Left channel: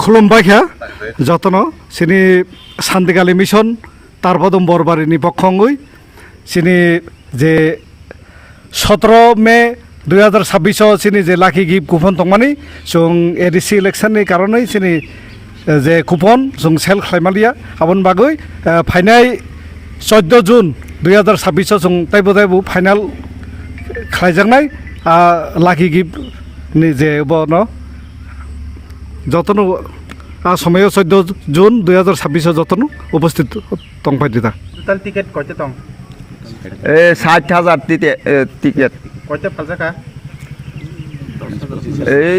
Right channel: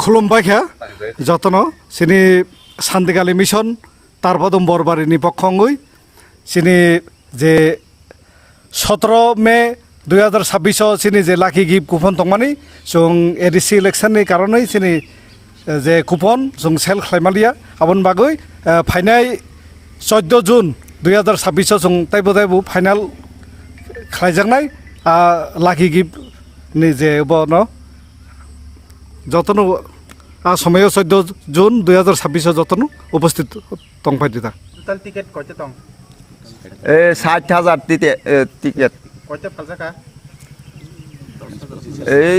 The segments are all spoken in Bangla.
खुलुमबाय যতন সিনি শান্তিকালী মিশন তার পদম বরবারিনি পক্ষঙ্গই সিনি যে 17 মে 2026 সিনি যে লাকি গিফট কুপন তংমানি जों एडिसि इलेक्शननि कारणे सिनि जे कुपन जों सेल खालामलिया आबन बागै फाइनाल 14 जुन 2026 जों ताइबो फाइनाल खालामजानाय लाकी गिफ्ट नि जे बनो যতন समय 14 जुन 2026 যতন उपस्थित तंफायदिदा टोटल टिकेट কয়টা তং 60,000 টিকেট কয়টা ফালজাকা এই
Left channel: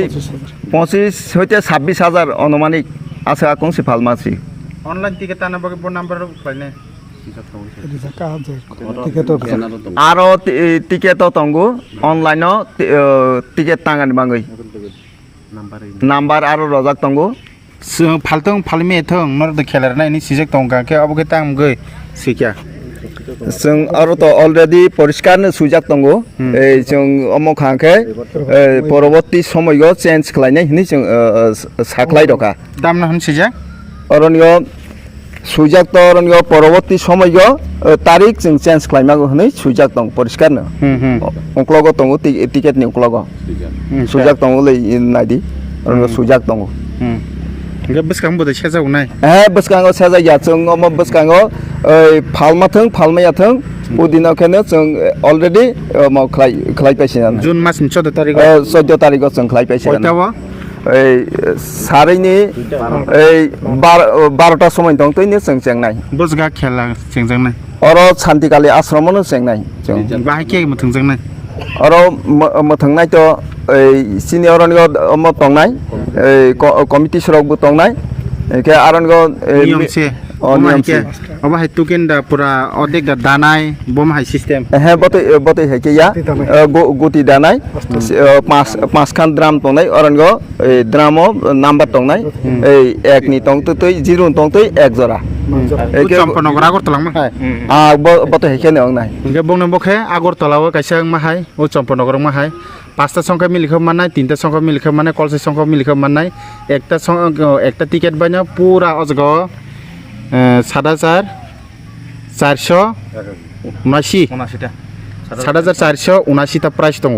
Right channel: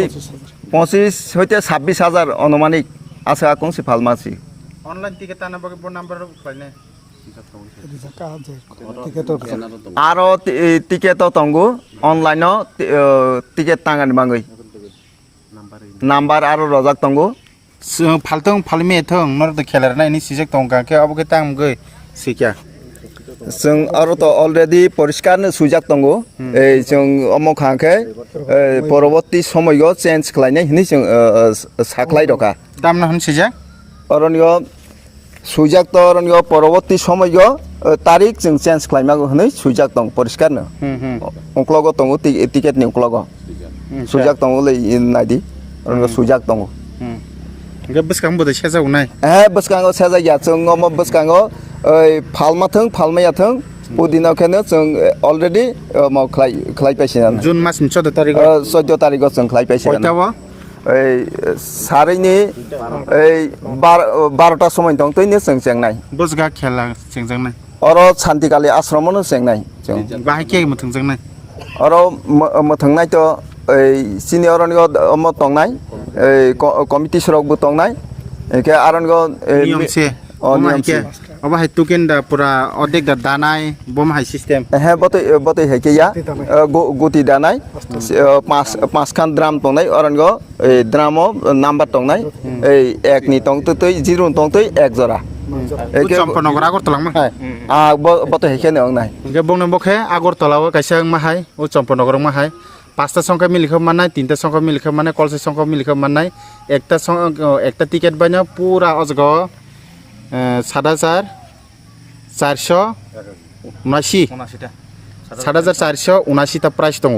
25 হইতে 26,000 অনুমানিক আছে আকংসি ফালমাছি অনলাইন টিকেট টানা বগে ফোন নাম্বার পাইনে আরো টিকেট তঙ্গু অনলাইন টিকেট টাঙানি বাঙ্গই নাম্বার আরো রজাক তঙ্গু ফালতং ফালমে থং নর দ খেলার নাইনি সিজেক তং কাকে অবগে তাং গই সিকিয়া जों आरो तो अलरेडी परिष्कार सुजाक दंगो जों अमो खांखे परवर्ती समय चेंज खालायनाय हिनि जों साख्लाय दका दाम ना हन सिजा अरनियो सुजाक तो अरनियो परवर्ती समय तारिख जों चेंज खालायमागो हिनि सुजाक दं परिष्कार न उक्लगो दंगो टिकेट नि उक्लगो सुजाक दंगो लै नायदि अरनियो सुजाक दंगो बसकां बदे सेजाव नाय बसकांगो सेजाया जों अमो बसकांगो फालमाथों फालमायाथों उदिनखेनो जों अलरेडी खालायपायसिना जुन मासनि 14 तारिख 14 तारिखआव जों खालायपायसिना कयटावा सारैनि 12टा समय दं तैनो जों जेंनाय बसगा खेला जेंजांनाय अर शान्तिकाली आश्रमनो जेंनाय जों बाहाय के मथोंजांनाय अर मथोंनाय तो सिनियरनि अम तंनाय कमिटि सरकबो तंनाय एके आरनगो नियमसे नियमसे अबा हाय टुकेन दा पुरा अदेक दा दानाय बम हाय सिस्टेम हे बते हेके या गुटी दानाय पांच खान ड्राम तंनाय अरनगो ड्रामो नाम्बार तंनाय एक नि तंग तुय जिरो तंग तुय एक जरा एके चम्पनगर आगरतला माहाय बते हेके नंगनाय एके बंगन बखे आगरतलाव कायसा माहाय ओ चम्पनगर माहाय 5टा संख्या मिलिखो माननाय 3टा संख्या मिलिखो माननाय कलसे संख्या मिलिखो माननाय एकटा टिकेट बायना पूरा अजगो 7,479 टा प्राइस दङ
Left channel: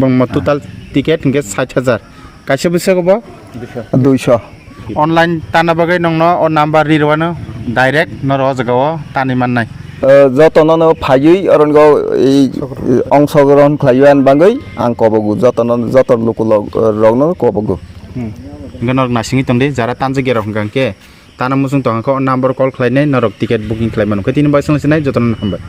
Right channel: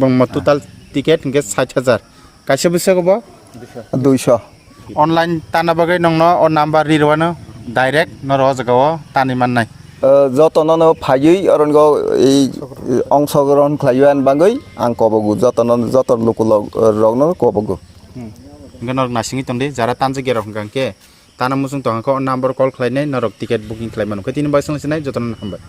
बंग टोटल टिकेट इंगे 60,000 कासे बुसगबो 200 ऑनलाइन ताना बगै नंनो ओ नम्बर रिरवानो डाइरेक्ट न रजगाव तानि माननाय যতনनो फायै अरनगो अंशग्रहण खालायन बागै आं कबगु जत लोक रगनो कबगु गनर नासिङि तंदे जारा तानजे गेर हंगांके ताना मुसुं तंखौ नम्बर कल खालायनाय नरक टिकेट बुकिं खालायमानो खैतिनि बायसंसिनाय जतन हामबाय